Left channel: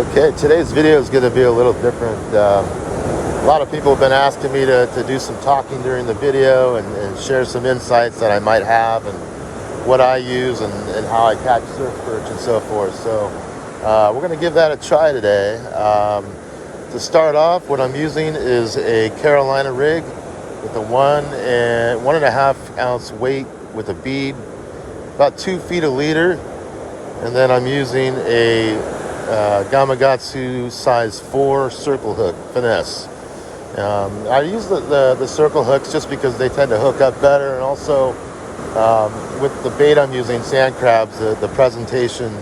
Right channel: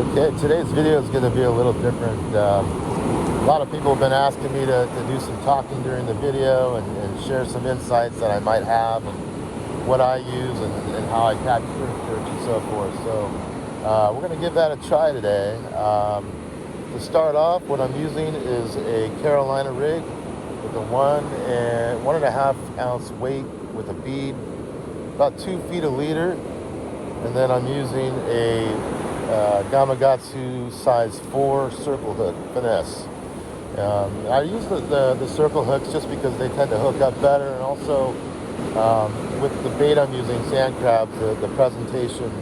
Okay, today's video is going to be a little different. A lot of people have been asking me to do some talking during the video and share some insights that I might have and what I use and how I catch surf perch and so forth. So we're going to give that a try today. To start off, what I'm using is a Carolina rig with a 1.5 ounce weight with a bead, about 2 feet a leader, and then I'm using a Gamakatsu size 4 circle hook finesse. I use the circle hooks just because they tend to hook up better, and also with the bait I'm using, sand crabs, the presentation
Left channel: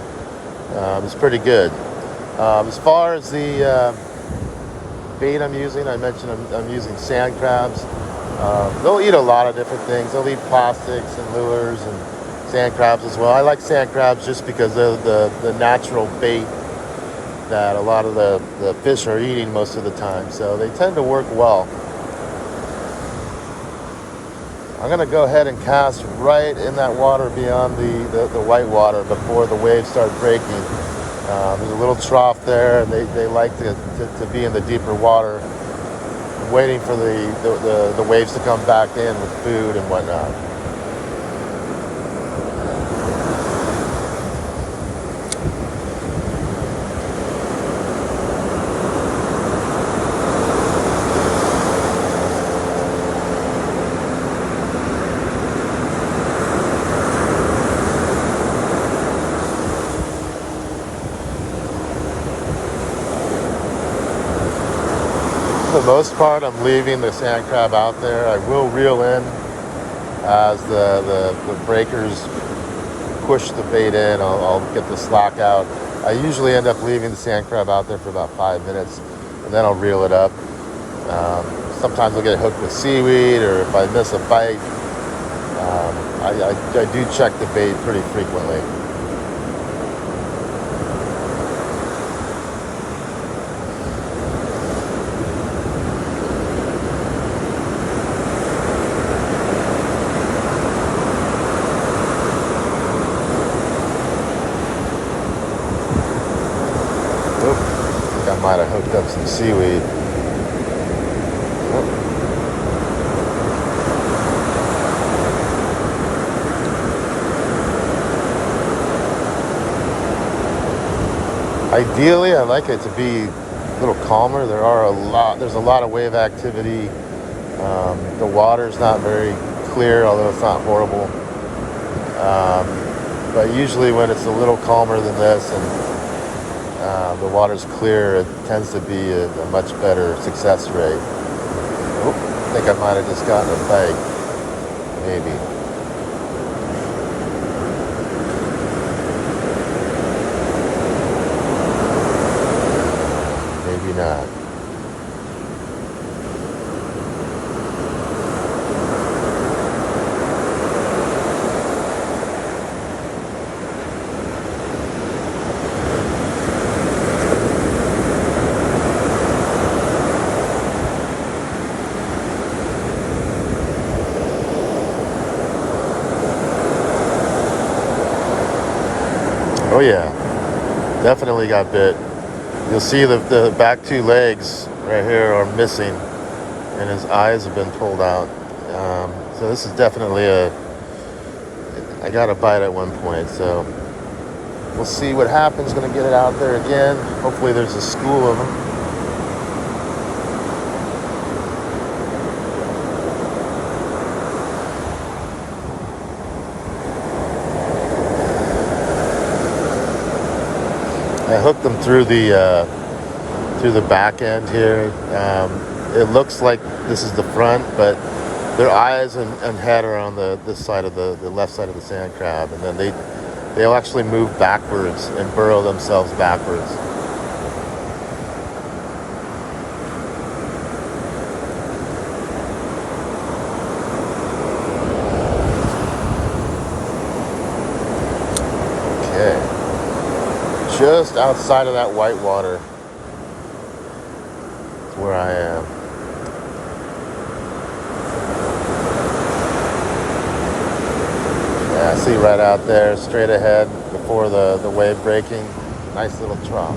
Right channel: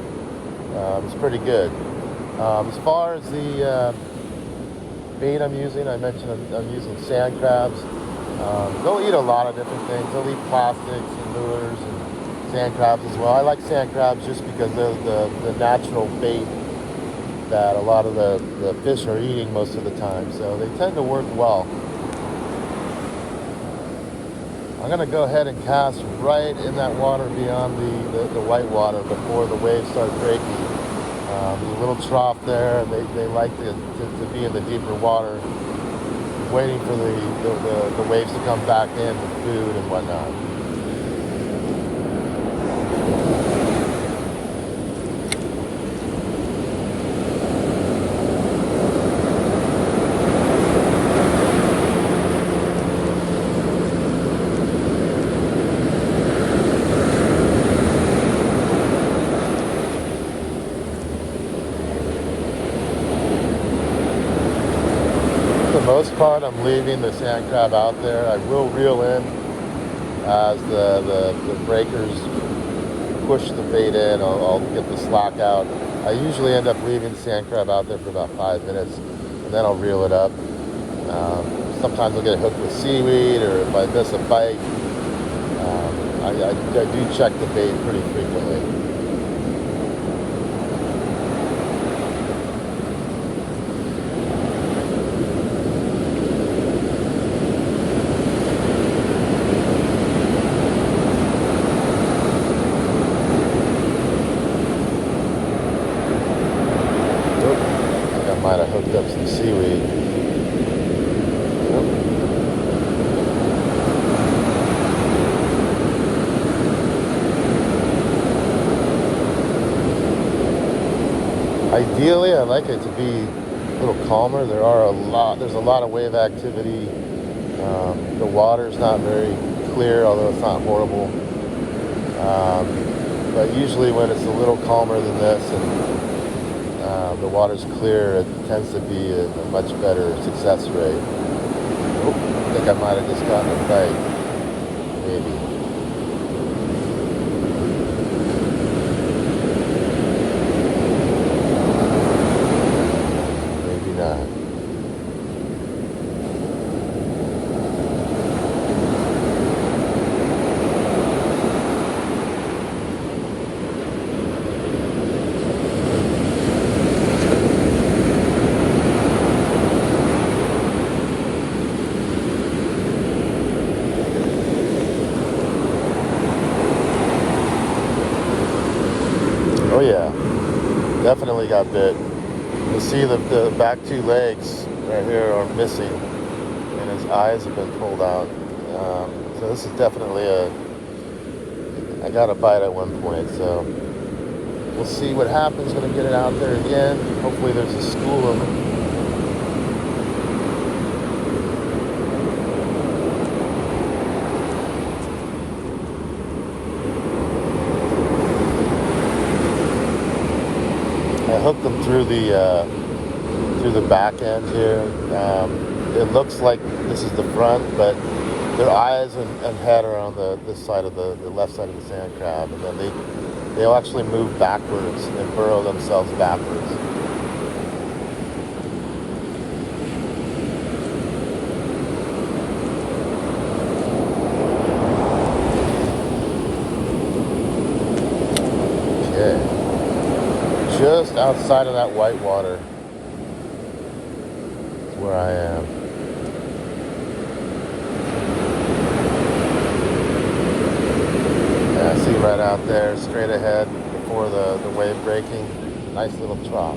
is pretty good. As far as the bait I'm using, I mentioned I'm using sand crabs. They'll eat a lot of different things. They'll eat plastics and lures and sand crabs as well. I like sand crabs just because they're the natural bait that a lot of the fish are eating most of the time, so they tend to work well. I'm going to go ahead and cast right in that water beyond the white water before the waves start breaking. There's a little trough there, and they like to be in the deeper water, waiting for the waves to come back in with food and whatnot. For the most part, I'm leaving the sand crab out there. I will reel in as the breakers push the bait in. I'll get the stock out. I usually end up leaving the sand crab out there for about 5 minutes, and then I'll reel it up. Sometimes I'll get hooked with seaweed, or if I miss a bite, I do check the bait pretty frequently. Some seaweed. Ideally, I like it to be a little calmer. There's a lot of wave activity. The water's not very clear, although it's not horrible. But usually when it's a little calmer than this and the water's clear, it tends to be a much better success rate. I think I might have just gotten a bite, maybe. Maybe not. Oh yeah, definitely got bit. You'll see the back 2 legs right here are missing, and his eyes have been pulled out. So this is definitely I got a bite at one point, so we'll see what happens. Gonna get it out there again. Hopefully there's a school of them. Hooked them through the back end here. It looks like this is the front, but their eyes and head are on this side of the left side of the sand crab, and then they'll actually move backwards and burrow themselves backwards. Just outside of that white water is where I am. Yeah, I see right out there, straight ahead before the wave breaking. Nice little trough.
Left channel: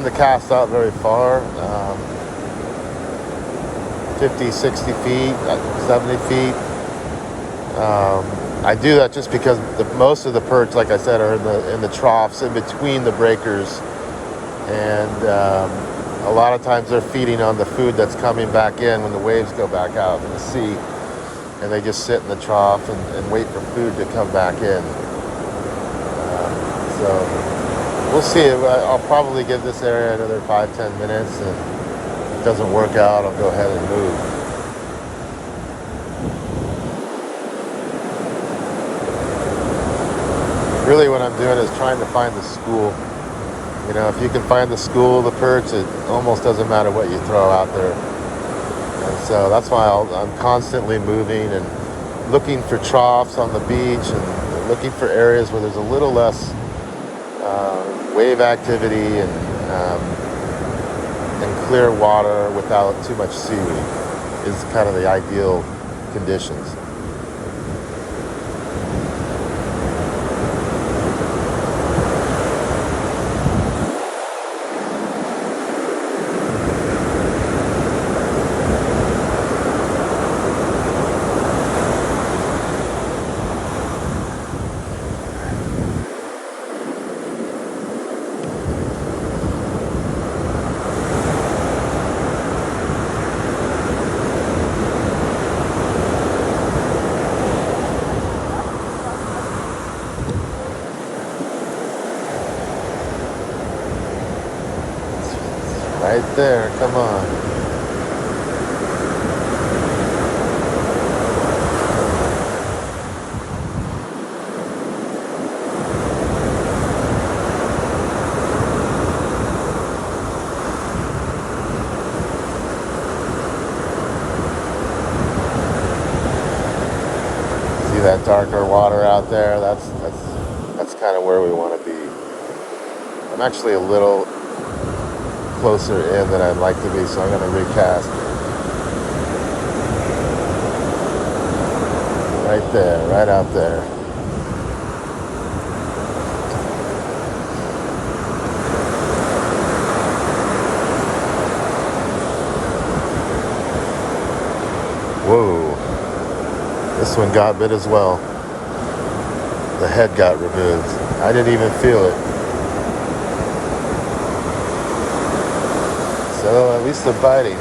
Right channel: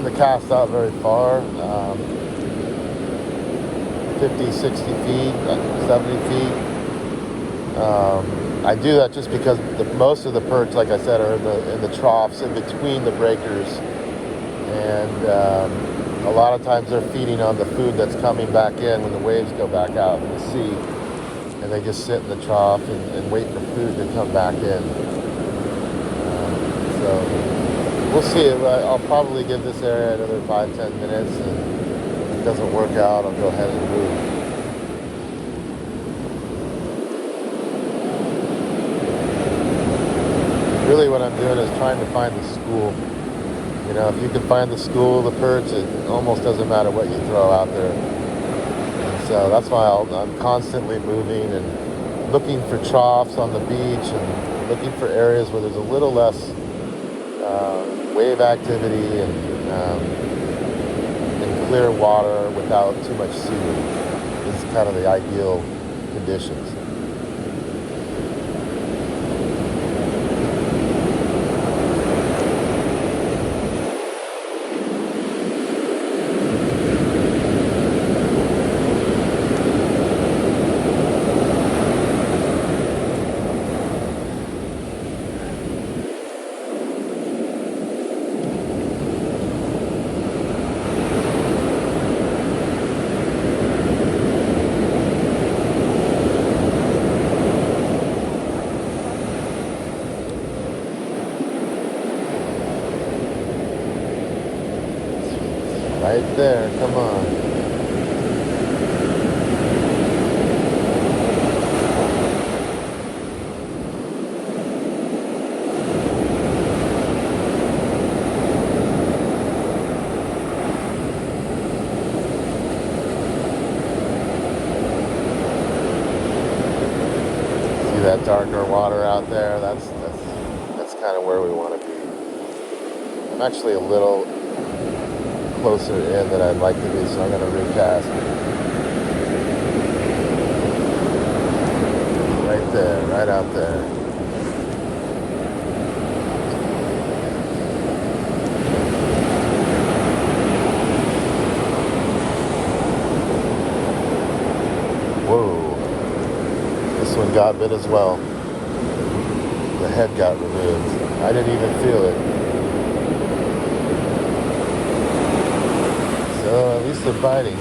tend to cast out very far, 50, 60 feet, 70 feet. I do that just because most of the perch, like I said, are in the troughs in between the breakers, and a lot of times they're feeding on the food that's coming back in when the waves go back out in the sea, and they just sit in the trough and wait for food to come back in. So we'll see. I'll probably give this area another 5-10 minutes, and if it doesn't work out, I'll go ahead and move. Really what I'm doing is trying to find the school. You know, if you can find the school, the perch, it almost doesn't matter what you throw out there. And so that's why I'm constantly moving and looking for troughs on the beach and looking for areas where there's a little less wave activity and clear water without too much seaweed is kind of the ideal conditions. There, come on. See that darker water out there? That's kind of where we want to be. I'm actually a little closer in than I'd like to be, so I'm going to recast. Right there, right out there. Whoa. This one got bit as well. The head got removed. I didn't even feel it. At least they're biting.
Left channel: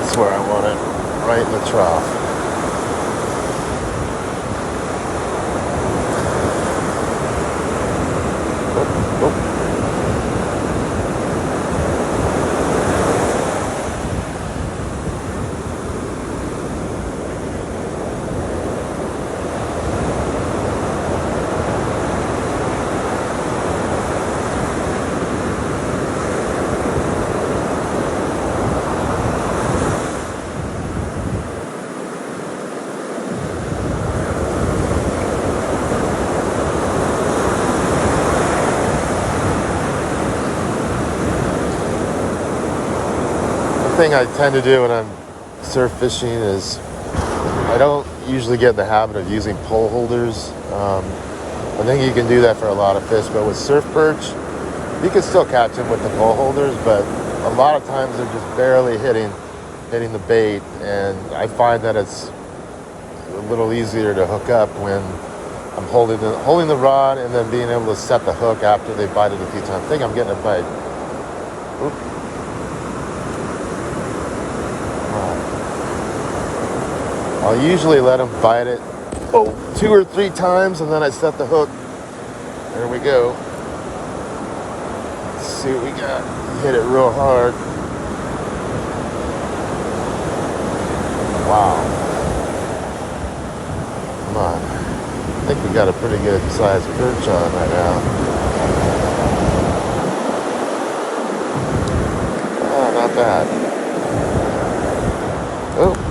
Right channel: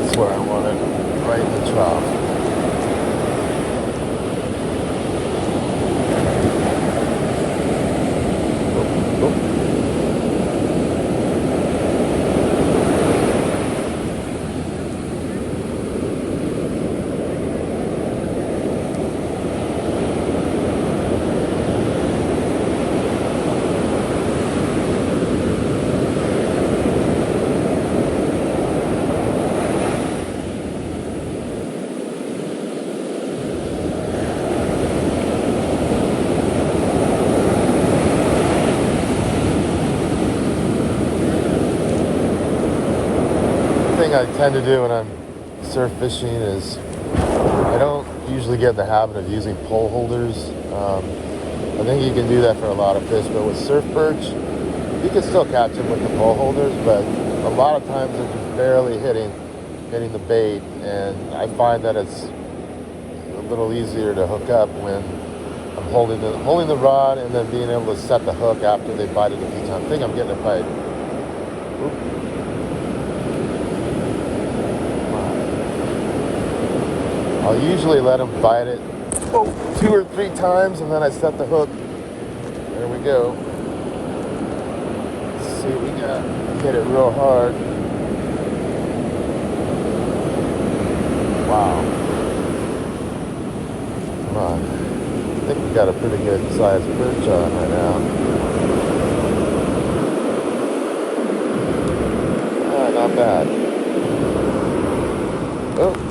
That's where I want it, right in the trough. I tend to do when I'm surf fishing is I don't usually get in the habit of using pole holders. I think you can do that for a lot of fish, but with surf perch, you can still catch them with the pole holders, but a lot of times they're just barely hitting the bait, and I find that it's a little easier to hook up when I'm holding the rod and then being able to set the hook after they bite it a few times. I think I'm getting a bite. Oop. I usually let them bite it 2 or 3 times, and then I set the hook. There we go. Let's see what we got. Hit it real hard. Wow. Come on. I think we got a pretty good sized perch on right now. Oh, not bad. Oh.